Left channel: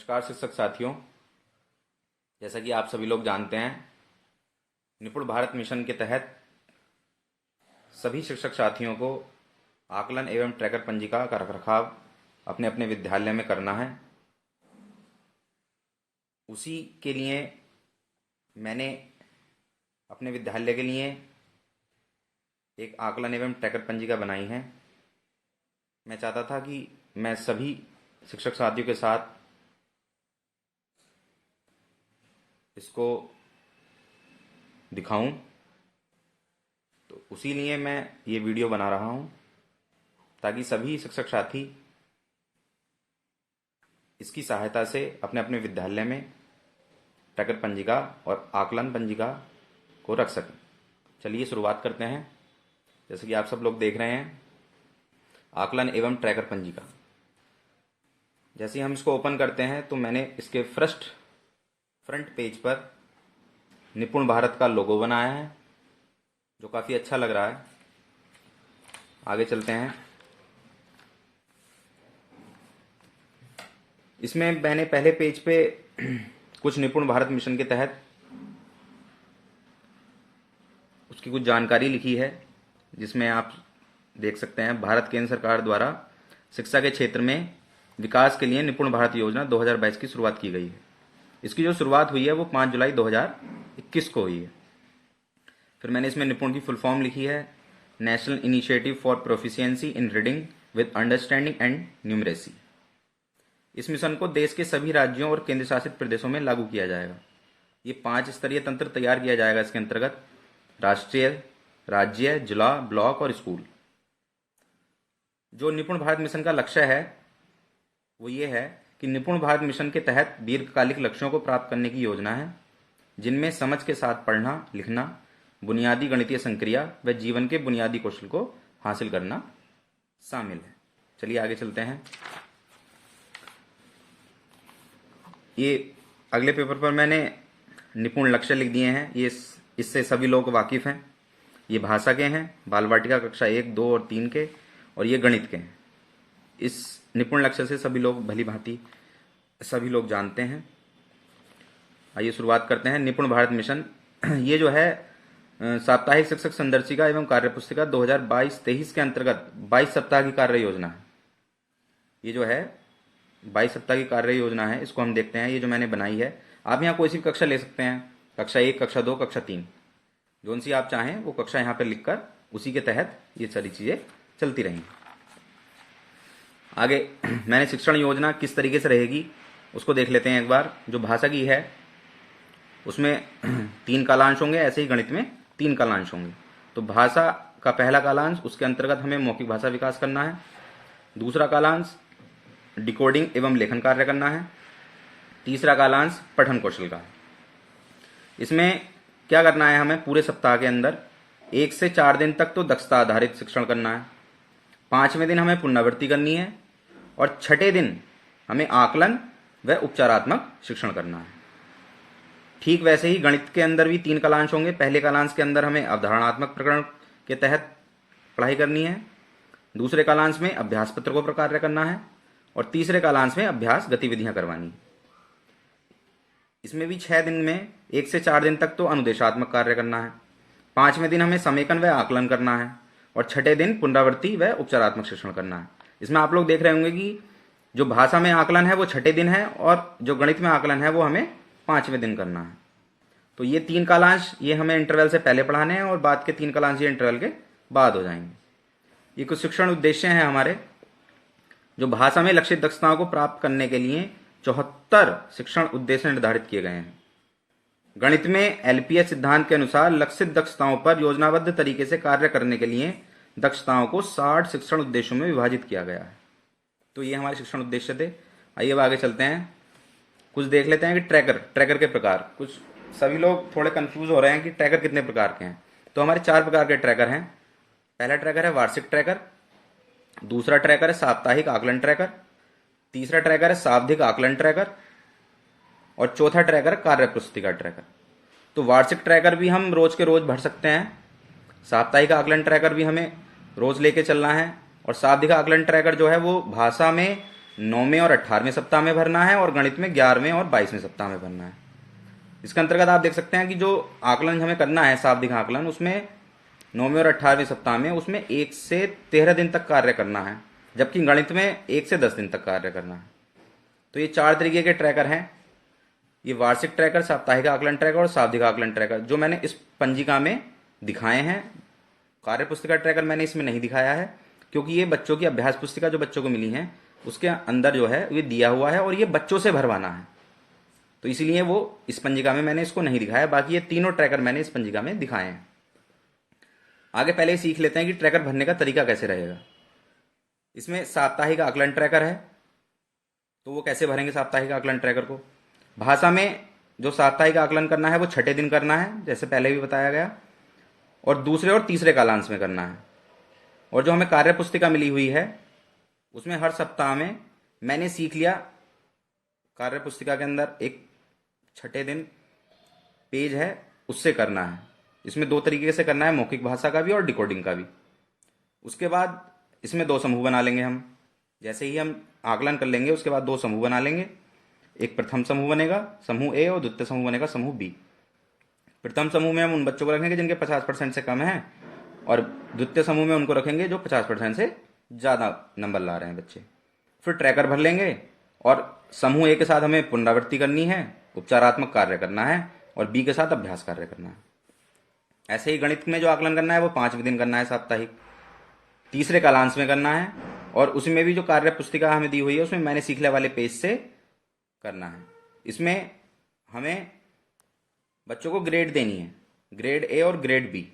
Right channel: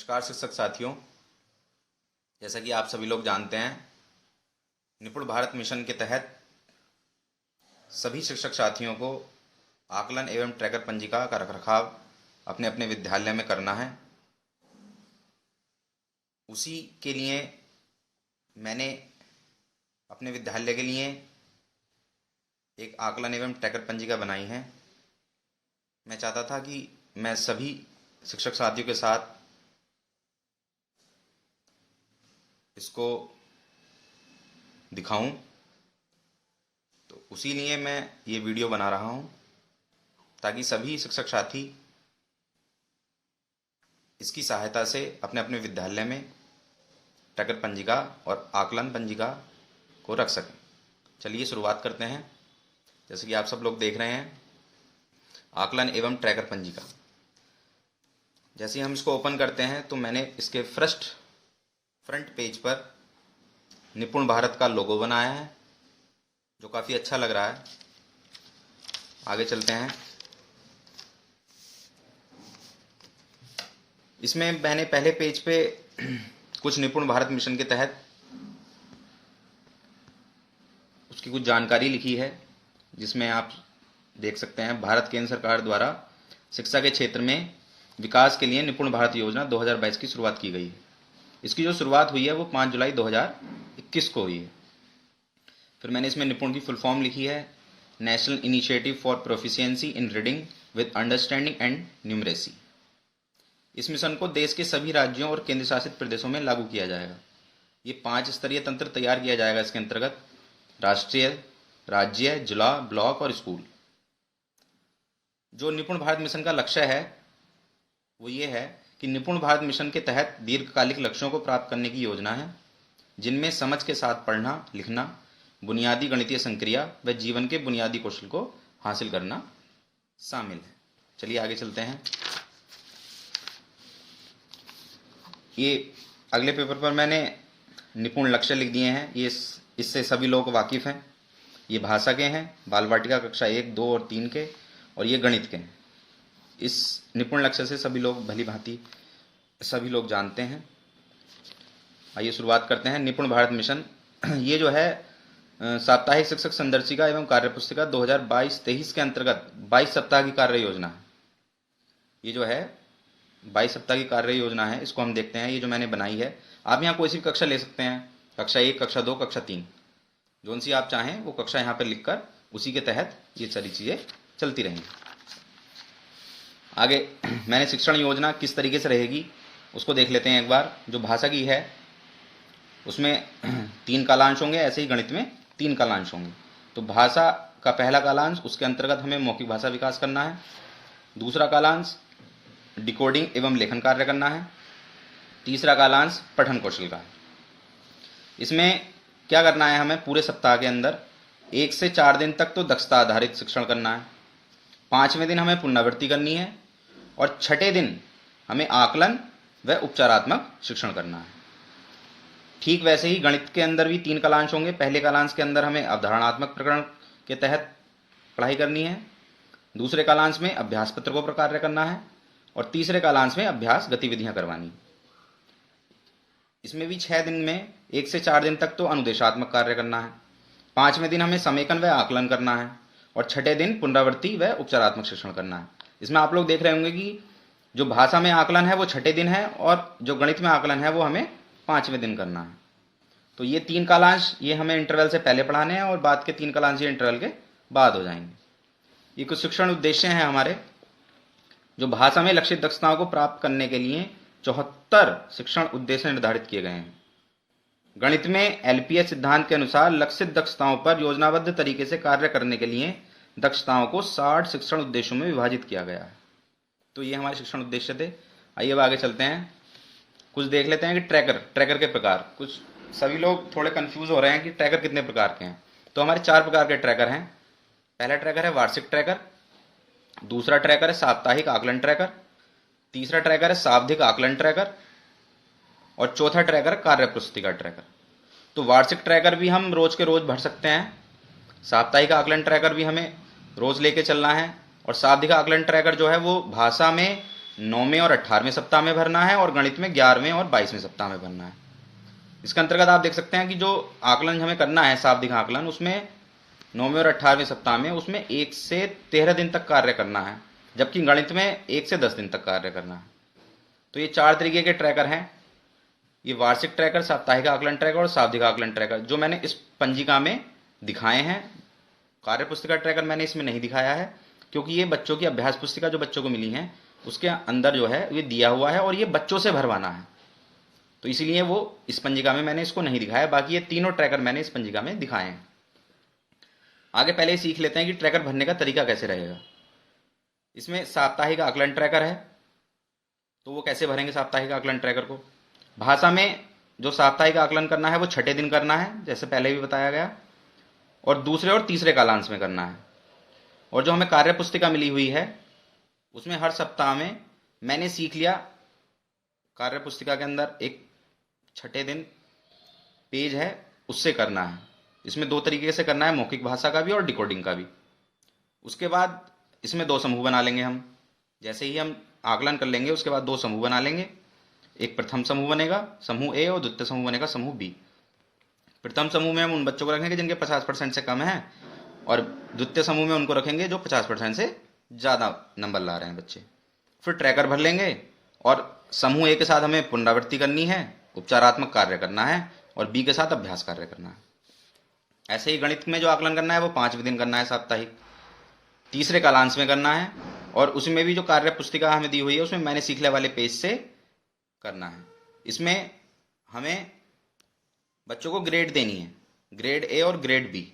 नमस्कार शिक्षक साथियों। जैसा कि आप सभी लोग जानते हैं, निपुण भारत मिशन के तहत सभी शिक्षक साथियों को आकलन एवं ट्रैकर पंजिका का रखरखाव अपने अपने विद्यालय में करना है। उसी के लिए मैंने अपने विद्यालय के लिए एक आकलन एवं ट्रैकर पंजिका बनाई है। मैं चाहता था कि मैं सभी शिक्षक साथियों के साथ इसको दिखाऊं, तो उसी लिए मैं ये वीडियो बना रहा हूं ताकि सभी शिक्षक साथी इसकी सहायता से अपने अपने विद्यालय में ट्रैकर पंजिका और आकलन पंजिका को रख सकें। चलिए शुरुआत करते हैं। जैसे कि आप सब लोग देख रहे हैं, आकलन एवं ट्रैकर पंजिका। जैसे ही हम इसको ओपन करते हैं तो मैंने इसके फ्रंट पेज पर निपुण भारत का लोगो बनाया है, जो काफ़ी अच्छा लग रहा है। आगे चलते हैं। इसमें मैंने पहले पेज पे कुछ निपुण भारत मिशन के तहत उसकी कुछ जानकारी लिखी है, जिसमें आप देख सकते हैं भारत केंद्र सरकार द्वारा शिक्षा के क्षेत्र में विकास के लिए निपुण भारत योजना 2022 की शुरुआत की गई है। इसकी जो शुरुआत हुई है वो 5 जुलाई 2021 को हुई है। फिर मैंने इसमें निपुण की फुल फॉर्म लिखी है, national initiative for proficiency in reading with understanding and numeracy. इस मिशन को देश के सभी राज्यों और केंद्र शासित प्रदेशों में लागू किया जाएगा। ये 5 स्तरीय तंत्र तैयार किया जाएगा इसके अंतर्गत: राष्ट्रीय, राज्य, जिला, ब्लॉक और स्कूल। जो निपुण भारत मिशन का लक्ष्य है वो ये है कि निपुण भारत मिशन के तहत दीर्घकालिक लक्ष्यों को प्राप्त करने की योजना है, जिनमें समझ के साथ पढ़ना लिखना, बुनियादी गणितीय संक्रिया व जीवन के बुनियादी कौशल को हासिल करना शामिल है। चलिए आगे चलते हैं। ये अगले पेपर पर मैंने निपुण लक्ष्य लिख दिए हैं। ये इससे सभी लोग वाकिफ़ हैं। ये भाषा के हैं, बाल वाटिका कक्षा 1, 2 और 3 के, और ये गणित के हैं। इस निपुण लक्ष्य से सभी लोग भली भांति सभी लोग जानते हैं। आइए शुरुआत करते हैं। निपुण भारत मिशन ये जो है साप्ताहिक शिक्षक संदर्शिका एवं कार्यपुस्तिका 2022-23 के अंतर्गत 22 सप्ताह की कार्य योजना है। ये जो है 22 सप्ताह की कार्य योजना है, इसको हम देखते हैं। ये जो मैंने बनाई है, आप यहाँ कोई सी भी कक्षा ले सकते हैं, कक्षा 1, कक्षा 2, कक्षा 3, जोन सी आप चाहें वो कक्षा यहाँ पर लिखकर उसी के तहत ये सारी चीज़ें चलती रहेंगी। आगे मैंने शिक्षण योजना किस तरीके से रहेगी उसको देख लेते हैं एक बार। जो भाषा की है उसमें 3 कालांश होंगे, ऐसे ही गणित में 3 कालांश होंगे। तो भाषा का पहला कालांश, उसके अंतर्गत हमें मौखिक भाषा विकास करना है। दूसरा कालांश डिकोडिंग एवं लेखन कार्य करना है। तीसरा कालांश पठन कौशल का। इसमें क्या करना है, हमें पूरे सप्ताह के अंदर 1 से 4 दिन तक तो दक्षता आधारित शिक्षण करना है। 5वें दिन हमें पुनरावृत्ति करनी है और 6ठे दिन हमें आकलन व उपचारात्मक शिक्षण करना है। ठीक वैसे ही गणित के अंदर भी 3 कालांश होंगे। पहले कालांश के अंदर हमें अवधारणात्मक प्रकरण के तहत पढ़ाई करनी है। दूसरे कालांश में अभ्यास पत्र को कार्य करना है और तीसरे कालांश में अभ्यास गतिविधियां करवानी। इसमें भी 6 दिन में 1 से 4 दिन तक तो अनुदेशात्मक कार्य करना है। 5वें दिन हमें समेकन व आकलन करना है और 6ठे दिन पुनरावृत्ति व उपचारात्मक शिक्षण करना है। इसमें आप लोग देख रहे होंगे कि जो भाषा में आकलन है वो 6ठे दिन है और जो गणित में आकलन है वो हमें 5वें दिन करना है। तो ये 3 कालांश ये हमें इंटरवल से पहले पढ़ाने हैं और बाद के 3 कालांश ये इंटरवल के बाद हो जाएंगे। ये कुछ शिक्षण उद्देश्य हैं हमारे। जो भाषा में लक्षित दक्षताओं को प्राप्त करने के लिए 74 शिक्षण उद्देश्य निर्धारित किए गए हैं। गणित में LPH सिद्धांत के अनुसार लक्षित दक्षताओं पर योजनाबद्ध तरीके से कार्य करने के लिए दक्षताओं को 60 शिक्षण उद्देश्यों में विभाजित किया गया है। तो ये हमारे शिक्षण उद्देश्य थे। आइए अब आगे चलते हैं, कुछ देख लेते हैं कि ट्रैकर के प्रकार। कुछ सभी लोग थोड़े कंफ्यूज हो रहे हैं कि ट्रैकर कितने प्रकार के हैं। तो हमारे 4 प्रकार के ट्रैकर हैं। पहला ट्रैकर है वार्षिक ट्रैकर, दूसरा ट्रैकर है साप्ताहिक आकलन ट्रैकर, तीसरा ट्रैकर है शाब्दिक आकलन ट्रैकर और चौथा ट्रैकर कार्यपुस्तिका ट्रैकर। तो वार्षिक ट्रैकर भी हम रोज के रोज भर सकते हैं, साप्ताहिक आकलन ट्रैकर भी हमें रोज लेके चलना है और शाब्दिक आकलन ट्रैकर जो है वो भाषा में 9वें और 18वें सप्ताह में भरना है और गणित में 11वें और 22वें सप्ताह में भरना है। इसके अंतर्गत आप देख सकते हैं कि जो आकलन हमें करना है, शाब्दिक आकलन, उसमें 9वें और 18वें सप्ताह में उसमें 1 से 13 दिन तक कार्य करना है, जबकि गणित में 1 से 10 दिन तक कार्य करना है। तो ये 4 तरीके के ट्रैकर हैं, ये वार्षिक ट्रैकर, साप्ताहिक आकलन ट्रैकर और शाब्दिक आकलन ट्रैकर, जो मैंने इस पंजिका में दिखाए हैं। कार्य पुस्तिका ट्रैकर मैंने इसमें नहीं दिखाया है, क्योंकि ये बच्चों की अभ्यास पुस्तिका जो बच्चों को मिली है उसके अंदर जो है ये दिया हुआ है और ये बच्चों से भरवाना है, तो इसीलिए वो इस पंजिका में मैंने इसको नहीं दिखाया। बाकी ये तीनों ट्रैकर मैंने इस पंजिका में दिखाए हैं। आगे पहले ही सीख लेते हैं कि ट्रैकर भरने का तरीका कैसे रहेगा। इसमें साप्ताहिक आकलन ट्रैकर है, तो वो कैसे भरेंगे साप्ताहिक आकलन ट्रैकर को। भाषा में जो साप्ताहिक आकलन करना है वो छठे दिन करना है, जैसे पहले भी बताया गया, और दूसरे और तीसरे कालांश में करना है। और जो हमें कार्य पुस्तिका मिली हुई है उसमें हर सप्ताह में मैंने सीख लिया, कार्य पुस्तिका के अंदर एक छठे दिन पेज है उससे करना है। इसमें 2 तरीके से करना है, मौखिक भाषा का भी और डिकोडिंग का भी। उसके बाद इसमें 2 समूह बना लेंगे हम। जैसे ही हम आकलन कर लेंगे उसके बाद 2 समूह बना लेंगे। एक प्रथम समूह बनेगा समूह ए और द्वितीय समूह बनेगा समूह बी। प्रथम समूह में हम उन बच्चों को रखेंगे जिनके 50% से कम है, और द्वितीय समूह में उनको रखेंगे जो 50% से ज़्यादा नंबर ला रहे हैं बच्चे। फिर ट्रैकर भर लेंगे और समूह ए के साथ हमें पुनरावृत्ति करनी है, उपचारात्मक कार्य करना है, और बी के साथ अभ्यास कार्य करना है। ऐसे ही गणित में जो आकलन करना है वो 5वें दिन करना है साप्ताहिक, तीसरे कालांश में करना है, और उसमें भी जो कार्य पुस्तिका हमें दी हुई है उसमें मैंने सीखने वाले पेज से करना है। इसमें हमें बच्चों को ग्रेड देनी है, ग्रेड ए और ग्रेड बी।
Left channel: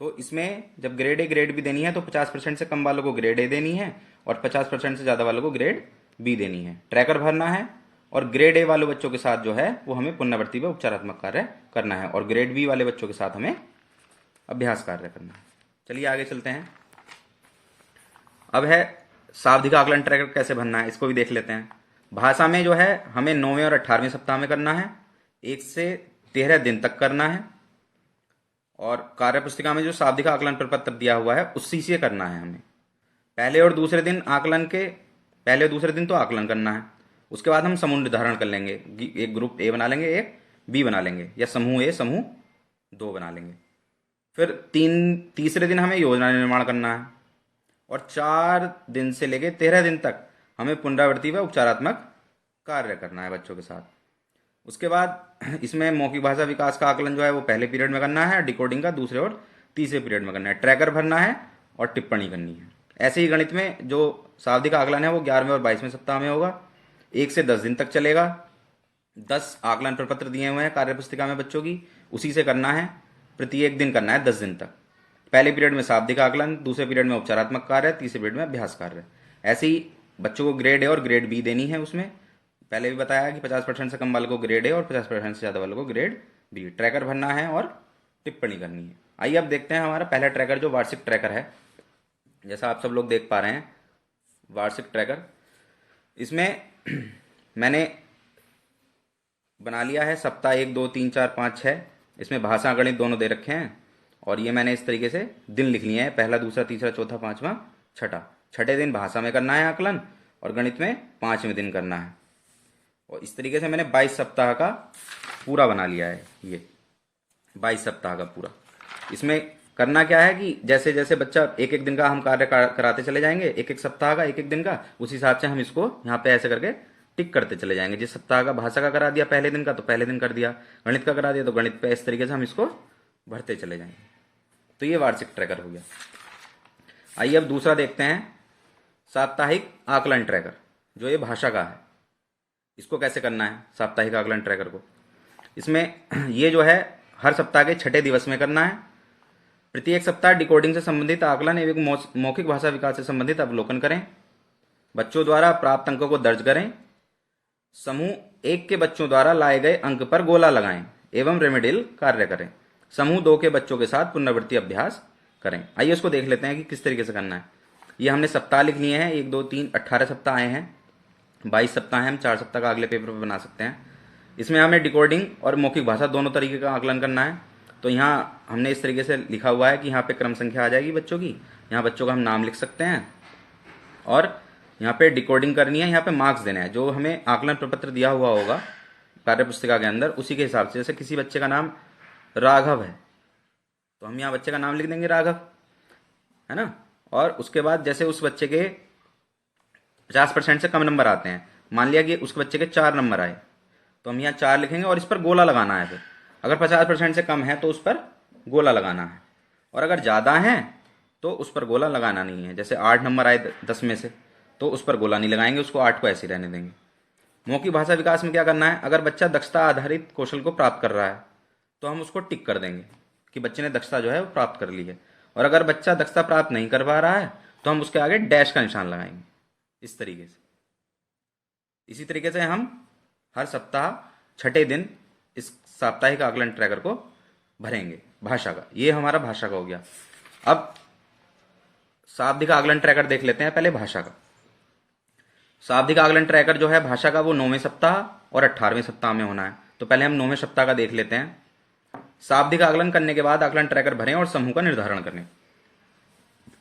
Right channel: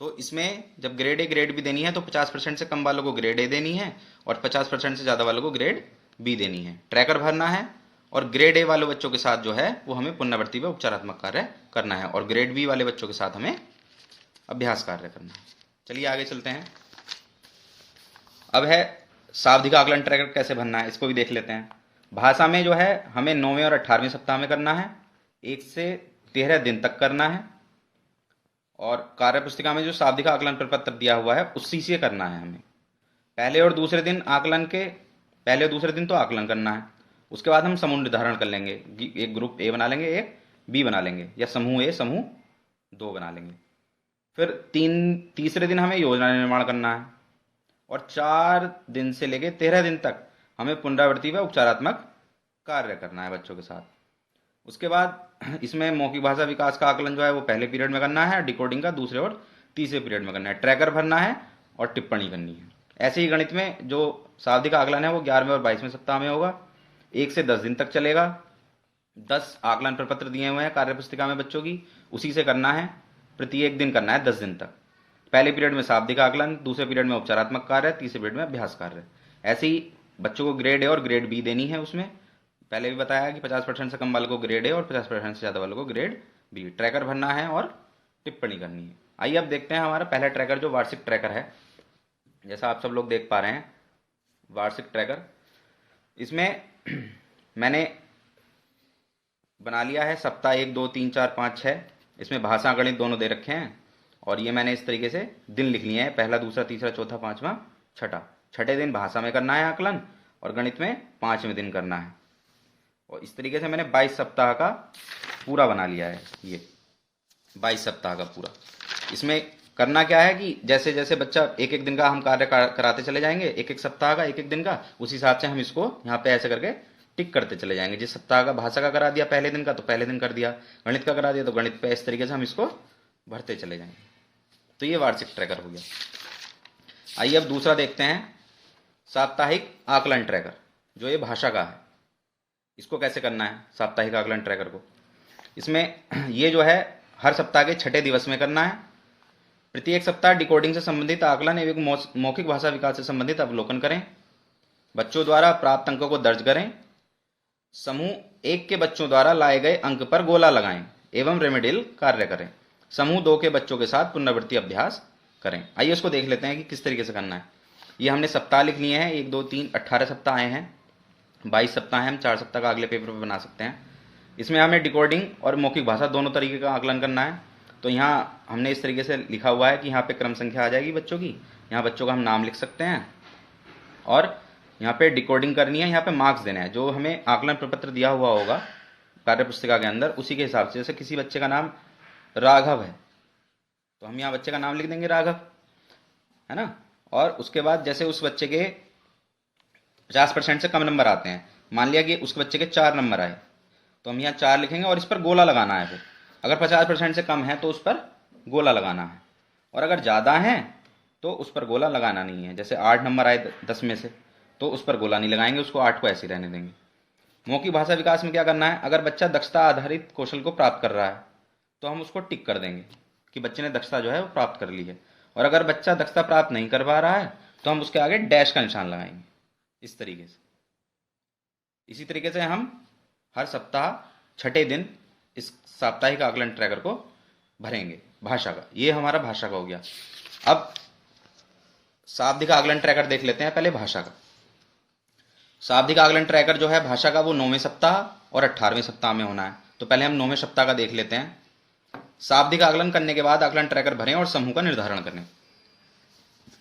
तो इसमें जब ग्रेड ए ग्रेड बी देनी है तो 50% से कम वालों को ग्रेड ए देनी है और 50% से ज़्यादा वालों को ग्रेड बी देनी है। ट्रैकर भरना है, और ग्रेड ए वाले बच्चों के साथ जो है वो हमें पुनरावृत्ति व उपचारात्मक कार्य करना है, और ग्रेड बी वाले बच्चों के साथ हमें अभ्यास कार्य करना है। चलिए आगे चलते हैं। अब है शाब्दिक आकलन ट्रैकर कैसे भरना है, इसको भी देख लेते हैं। भाषा में जो है हमें 9वें और 18वें सप्ताह में करना है, 1 से 13 दिन तक करना है, और कार्य पुस्तिका में जो शाब्दिक आकलन प्रपत्र दिया हुआ है उसी से करना है हमें। पहले और दूसरे दिन तो आकलन करना है। उसके बाद हम समूह निर्धारण कर लेंगे, एक ग्रुप ए बना लेंगे, एक बी बना लेंगे, या समूह ए समूह 2 बना लेंगे। फिर तीसरे दिन हमें योजना निर्माण करना है, और 4 दिन से लेकर 13 दिन तक हमें पुनरावृत्ति व उपचारात्मक कार्य करना है बच्चों के साथ। उसके बाद इसमें मौखिक भाषा विकास का आकलन जो है वो पहले पीरियड में करना है, डिकोडिंग का दूसरे और तीसरे पीरियड में करना है, ट्रैकर भरना है और टिप्पणी करनी है। ऐसे ही गणित में जो शाब्दिक आकलन है वो 11वें और 22वें सप्ताह में होगा, 1 से 10 दिन तक चलेगा। 10 आकलन प्रपत्र दिए हुए हैं कार्य पुस्तिका में बच्चों की, उसी से करना है, प्रत्येक दिन करना है 10 दिन तक। पहले पीरियड में शाब्दिक आकलन, दूसरे पीरियड में उपचारात्मक कार्य, तीसरे पीरियड में अभ्यास कार्य। ऐसे ही बच्चों को ग्रेड ए और ग्रेड बी देनी है। उसमें पहले भी बताया कि 50% से कम वालों को ग्रेड ए और 50% से ज़्यादा वालों को ग्रेड बी। ट्रैकर भरना है और टिप्पणी करनी है। आइए अब देखते हैं हमारा पहला ट्रैकर जो वार्षिक ट्रैकर है। जैसा आप सब लोग देख पा रहे हैं वार्षिक ट्रैकर, इसमें मैंने बना लिया है सप्ताह 1, 2, 3, 4, 5, 6। इसमें भाषा गणित दोनों दे रखे हैं, और ये मैंने इस तरीके से दिन लिख लिए हैं, पहला, दूसरा, तीसरा, चौथा, 5वां, छठा। छठे दिन भाषा में करना है आकलन, और गणित में 5वें दिन करना है। और इस तरीके से मैंने 22 सप्ताह का पूरा बना लिया है। ये 22 सप्ताह का पूरा। इसमें करना क्या है कि जैसे जैसे बच्चा एक एक दिन का हम कार्य कराते चले जाएंगे, एक एक सप्ताह का, एक एक दिन का, उस हिसाब से हम इसको यहाँ पे ऐसे करके टिक करते चले जाएंगे। जिस सप्ताह का भाषा का करा दिया पहले दिन का तो पहले दिन कर दिया, गणित का करा दिया तो गणित पे, इस तरीके से हम इसको भरते चले जाएंगे। तो ये वार्षिक ट्रैकर हो गया। आइए अब दूसरा देखते हैं, साप्ताहिक आकलन ट्रैकर, जो ये भाषा का है। इसको कैसे करना है साप्ताहिक आकलन ट्रैकर को। इसमें ये जो है हर सप्ताह के छठे दिवस में करना है। प्रत्येक सप्ताह डिकोडिंग से संबंधित आकलन एवं मौखिक भाषा विकास से संबंधित अवलोकन करें। बच्चों द्वारा प्राप्त अंकों को दर्ज करें। समूह 1 के बच्चों द्वारा लाए गए अंक पर गोला लगाएं एवं रेमेडियल कार्य करें। समूह 2 के बच्चों के साथ पुनरावृत्ति अभ्यास करें। आइए उसको देख लेते हैं कि किस तरीके से करना है। ये हमने सप्ताह लिख लिए हैं, 1, 2, 3, 18 सप्ताह आए हैं, 22 सप्ताह हैं। हम 4 सप्ताह का अगले पेपर पर बना सकते हैं। इसमें हमें डिकोडिंग और मौखिक भाषा दोनों तरीके का आकलन करना है। तो यहाँ हमने इस तरीके से लिखा हुआ है कि यहाँ पे क्रम संख्या आ जाएगी बच्चों की, यहाँ बच्चों का हम नाम लिख सकते हैं, और यहाँ पे डिकोडिंग करनी है, यहाँ पे मार्क्स देना है। जो हमें आकलन प्रपत्र दिया हुआ होगा कार्य पुस्तिका के अंदर, उसी के हिसाब से, जैसे किसी बच्चे का नाम राघव है तो हम यहाँ बच्चे का नाम लिख देंगे राघव, है ना। और उसके बाद जैसे उस बच्चे के 50% से कम नंबर आते हैं, मान लिया कि उस बच्चे के 4 नंबर आए, तो हम यहाँ 4 लिखेंगे और इस पर गोला लगाना है। फिर अगर 50% से कम है तो उस पर गोला लगाना है, और अगर ज़्यादा है तो उस पर गोला लगाना नहीं है। जैसे 8 नंबर आए 10 में से, तो उस पर गोला नहीं लगाएंगे, उसको 8 को ऐसे ही रहने देंगे। मौखिक भाषा विकास में क्या करना है, अगर बच्चा दक्षता आधारित कौशल को प्राप्त कर रहा है तो हम उसको टिक कर देंगे कि बच्चे ने दक्षता जो है वो प्राप्त कर ली है। और अगर बच्चा दक्षता प्राप्त नहीं कर पा रहा है तो हम उसके आगे डैश का निशान लगाएंगे, इस तरीके से। इसी तरीके से हम हर सप्ताह छठे दिन इस साप्ताहिक आकलन ट्रैकर को भरेंगे भाषा का। ये हमारा भाषा का हो गया। अब शाब्दिक आकलन ट्रैकर देख लेते हैं पहले भाषा का। शाब्दिक आकलन ट्रैकर जो है भाषा का, वो 9वें सप्ताह और 18वें सप्ताह में होना है। तो पहले हम 9वें सप्ताह का देख लेते हैं। शाब्दिक आकलन करने के बाद आकलन ट्रैकर भरें और समूह का निर्धारण करें।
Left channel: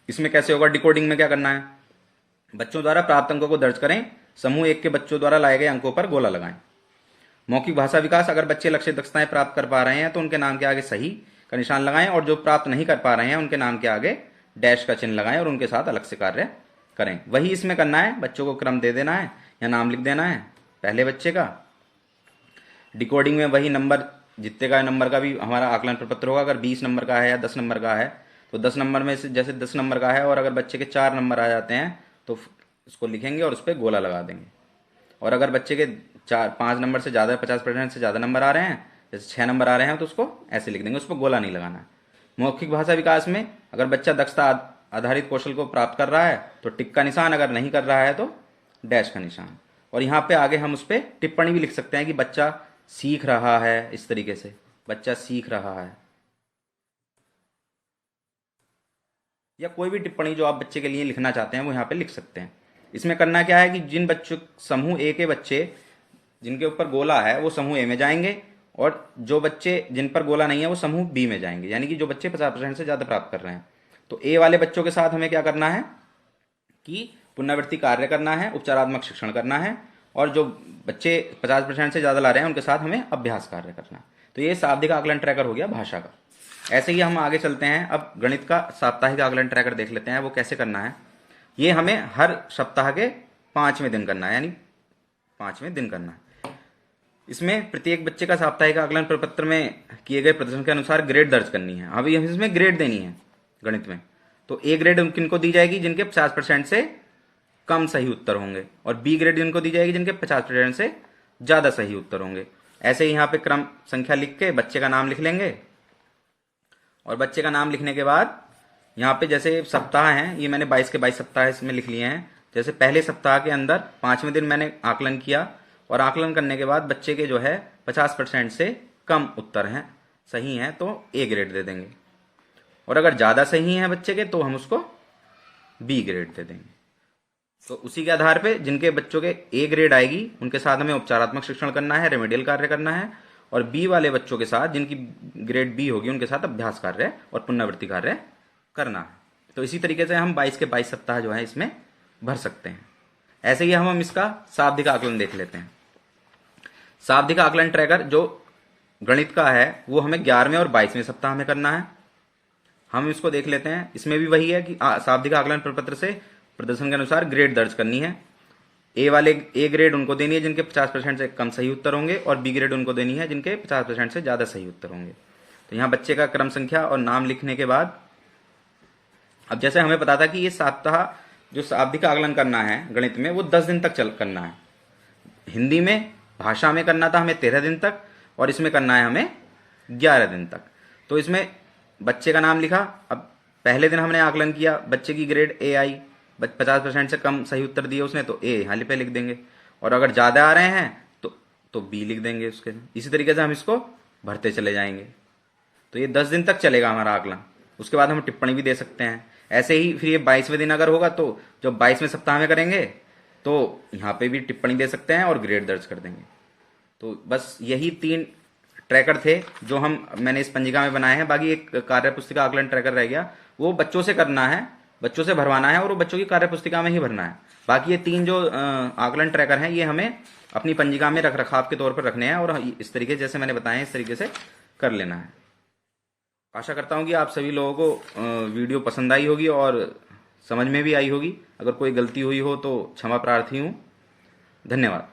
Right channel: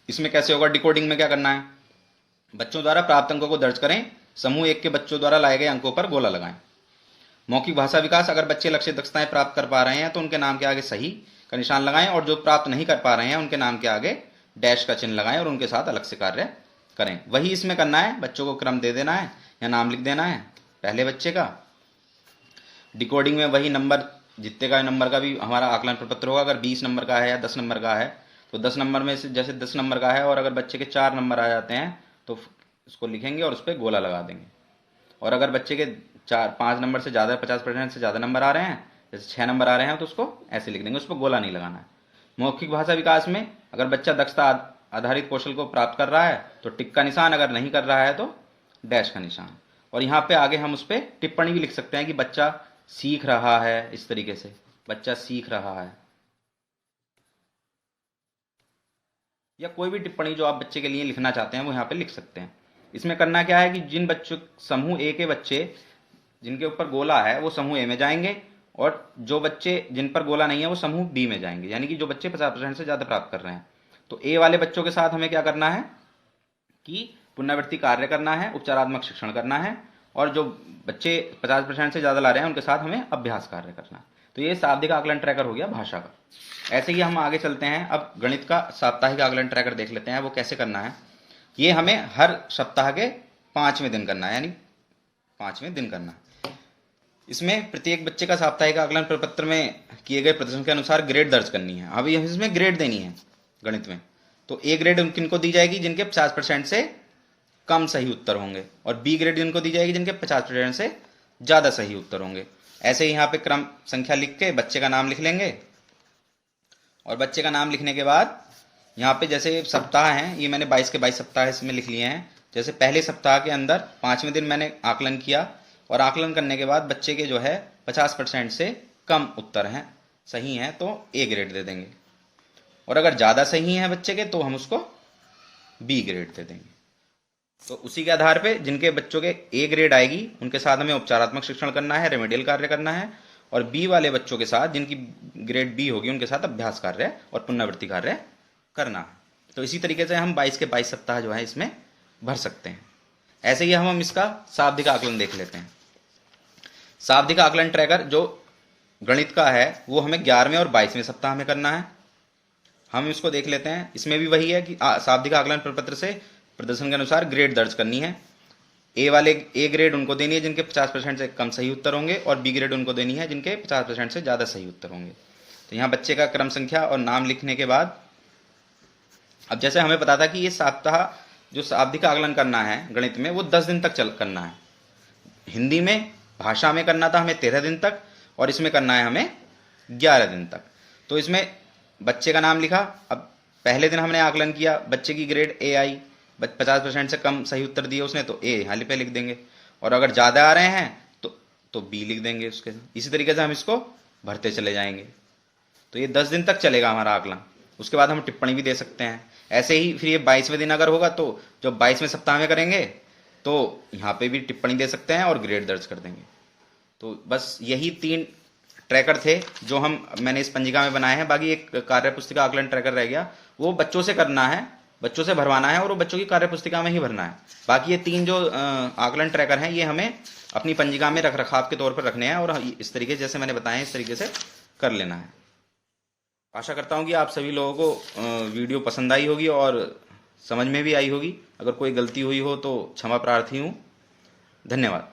इसमें कैसे होगा, डिकोडिंग में क्या करना है, बच्चों द्वारा प्राप्त अंकों को दर्ज करें, समूह 1 के बच्चों द्वारा लाए गए अंकों पर गोला लगाएं। मौखिक भाषा विकास, अगर बच्चे लक्ष्य दक्षताएं प्राप्त कर पा रहे हैं तो उनके नाम के आगे सही का निशान लगाएं, और जो प्राप्त नहीं कर पा रहे हैं उनके नाम के आगे डैश का चिन्ह लगाएं और उनके साथ अलग से कार्य करें। वही इसमें करना है, बच्चों को क्रम दे देना है या नाम लिख देना है पहले बच्चे का। डिकोडिंग में वही नंबर, जितने का नंबर का भी हमारा आकलन प्रपत्र होगा। अगर 20 नंबर का है या 10 नंबर का है तो 10 नंबर में से, जैसे 10 नंबर का है और अगर बच्चे के 4 नंबर आ जाते हैं तो उसको लिखेंगे और उस पर गोला लगा देंगे। और अगर बच्चे के 5 नंबर से ज़्यादा, 50% से ज़्यादा नंबर आ रहे हैं, जैसे 6 नंबर आ रहे हैं तो उसको ऐसे लिख देंगे, उस पर गोला नहीं लगाना है। मौखिक भाषा विकास में अगर बच्चा दक्षता आधारित कौशल को प्राप्त कर रहा है तो टिक का निशान, अगर नहीं कर रहा है तो डैश का निशान। और यहाँ पे आगे हम उस पर टिप्पणी भी लिख सकते हैं कि बच्चा सीख रहा है, इस तरीके से बच्चा सीख रहा है, या कोई भी टिप्पणी जो आप बच्चे के लिए लिखना चाहते हैं वो यहाँ पे लिख सकते हैं। इसमें करना क्या है कि जिन बच्चों, समूह ए के बच्चे जिनके ऊपर गोला है वो समूह ए में जाएंगे, और जो बच्चे जिन पर गोला नहीं है वो समूह बी में जाएंगे। यानी कि जो बच्चे 50% से ज़्यादा प्राप्त कर रहे हैं, तो ए वाले बच्चों के साथ हमें क्या करना है कि पुनरावृत्ति कार्य करना है, उपचारात्मक शिक्षण करना है, और जो बच्चे 50% से ज़्यादा ला रहे हैं उनके साथ हमें अभ्यास कार्य करना है। तो ये शाब्दिक आकलन ट्रैकर हो गया भाषा का। ऐसे ही हम आगे चलते हैं, अब गणित का साप्ताहिक आकलन ट्रैकर देख लेते हैं, वो कैसे करना है। ये हमें हर सप्ताह के 5वें दिन करना है, यानी 5वें दिन करना है। इसमें प्रत्येक बच्चे का साप्ताहिक आकलन प्रपत्र में किए गए प्रदर्शन के अनुसार ग्रेड दर्ज करनी है। अभी इसमें ग्रेड देनी है गणित में, तो ए ग्रेड किनको दी जाएगी, जिनके 50% से कम सही उत्तर होंगे, और बी ग्रेड जिनको दी जाएगी जिनके 50% से ज़्यादा सही उत्तर होंगे। ऐसे ही यहाँ पे क्रम संख्या लिख के बच्चे का नाम लिख लेंगे, और बच्चे का नाम लिखने के बाद यहाँ पे जैसे सप्ताह हैं, ये मैंने 22 के 22 सप्ताह इसमें लिख लिए हैं। जैसे पहले सप्ताह के अंदर 5वें दिन मैंने आकलन किया, और आकलन करने के बाद बच्चे के जो है 50% से कम उत्तर हैं, सही हैं, तो ए ग्रेड दे देंगे, और अगर ज़्यादा सही हैं बच्चे के तो हम उसको बी ग्रेड दे देंगे। तो उसी के आधार पे जिनके बच्चों के ए ग्रेड आएगी उनके साथ हमें उपचारात्मक शिक्षण करना है, रेमेडियल कार्य करना है, और बी वाले बच्चों के साथ जिनकी ग्रेड बी होगी उनके साथ अभ्यास कार्य और पुनरावृत्ति कार्य करना है। तो इसी तरीके से हम 22 के 22 सप्ताह जो है इसमें भर सकते हैं। ऐसे ही हम इसका शाब्दिक आकलन देख लेते हैं। शाब्दिक आकलन ट्रैकर जो गणित का है वो हमें 11वें और 22वें सप्ताह में करना है। हम इसको देख लेते हैं। इसमें भी वही है कि शाब्दिक आकलन प्रपत्र से प्रदर्शन के अनुसार ग्रेड दर्ज करनी है। ए ग्रेड उनको देनी है जिनके 50% से कम सही उत्तर होंगे, और बी ग्रेड उनको देनी है जिनके 50% से ज़्यादा सही उत्तर होंगे। तो यहाँ बच्चे का क्रम संख्या और नाम लिखने के बाद, अब जैसे हमें पता था कि ये सप्ताह जो शाब्दिक आकलन करना है गणित में वो 10 दिन तक करना है। हिंदी में, भाषा में करना था हमें 13 दिन तक, और इसमें करना है हमें 11 दिन तक। तो इसमें बच्चे का नाम लिखा। अब पहले दिन हमने आकलन किया, बच्चे की ग्रेड ए आई, 50% से कम सही उत्तर दिए उसने, तो ए यहाँ पे लिख देंगे, और अगर ज़्यादा आ रहे हैं तो बी लिख देंगे उसके। इसी तरीके से हम इसको भरते चले जाएंगे। तो ये 10 दिन तक चलेगा हमारा आकलन। उसके बाद हम टिप्पणी भी दे सकते हैं। ऐसे ही फिर ये 22वें दिन अगर होगा तो जब 22वें सप्ताह में करेंगे तो यहाँ पे भी टिप्पणी दे सकते हैं और ग्रेड दर्ज कर देंगे। तो बस यही 3 ट्रैकर थे जो मैंने इस पंजिका में बनाए हैं। बाकी एक कार्य पुस्तिका आकलन ट्रैकर रह गया, वो बच्चों से करना है, बच्चों से भरवाना है और वो बच्चों की कार्य पुस्तिका में ही भरना है। बाकी ये 3 जो आकलन ट्रैकर हैं ये हमें अपनी पंजिका में रख रखाव के तौर पर रखने हैं और इस तरीके जैसे मैंने बताया इस तरीके से कर लेना है। आशा करता हूँ कि आप सभी लोगों को वीडियो पसंद आई होगी और समझ में भी आई होगी। अगर कोई गलती हुई हो तो क्षमा प्रार्थी हूँ। धन्यवाद।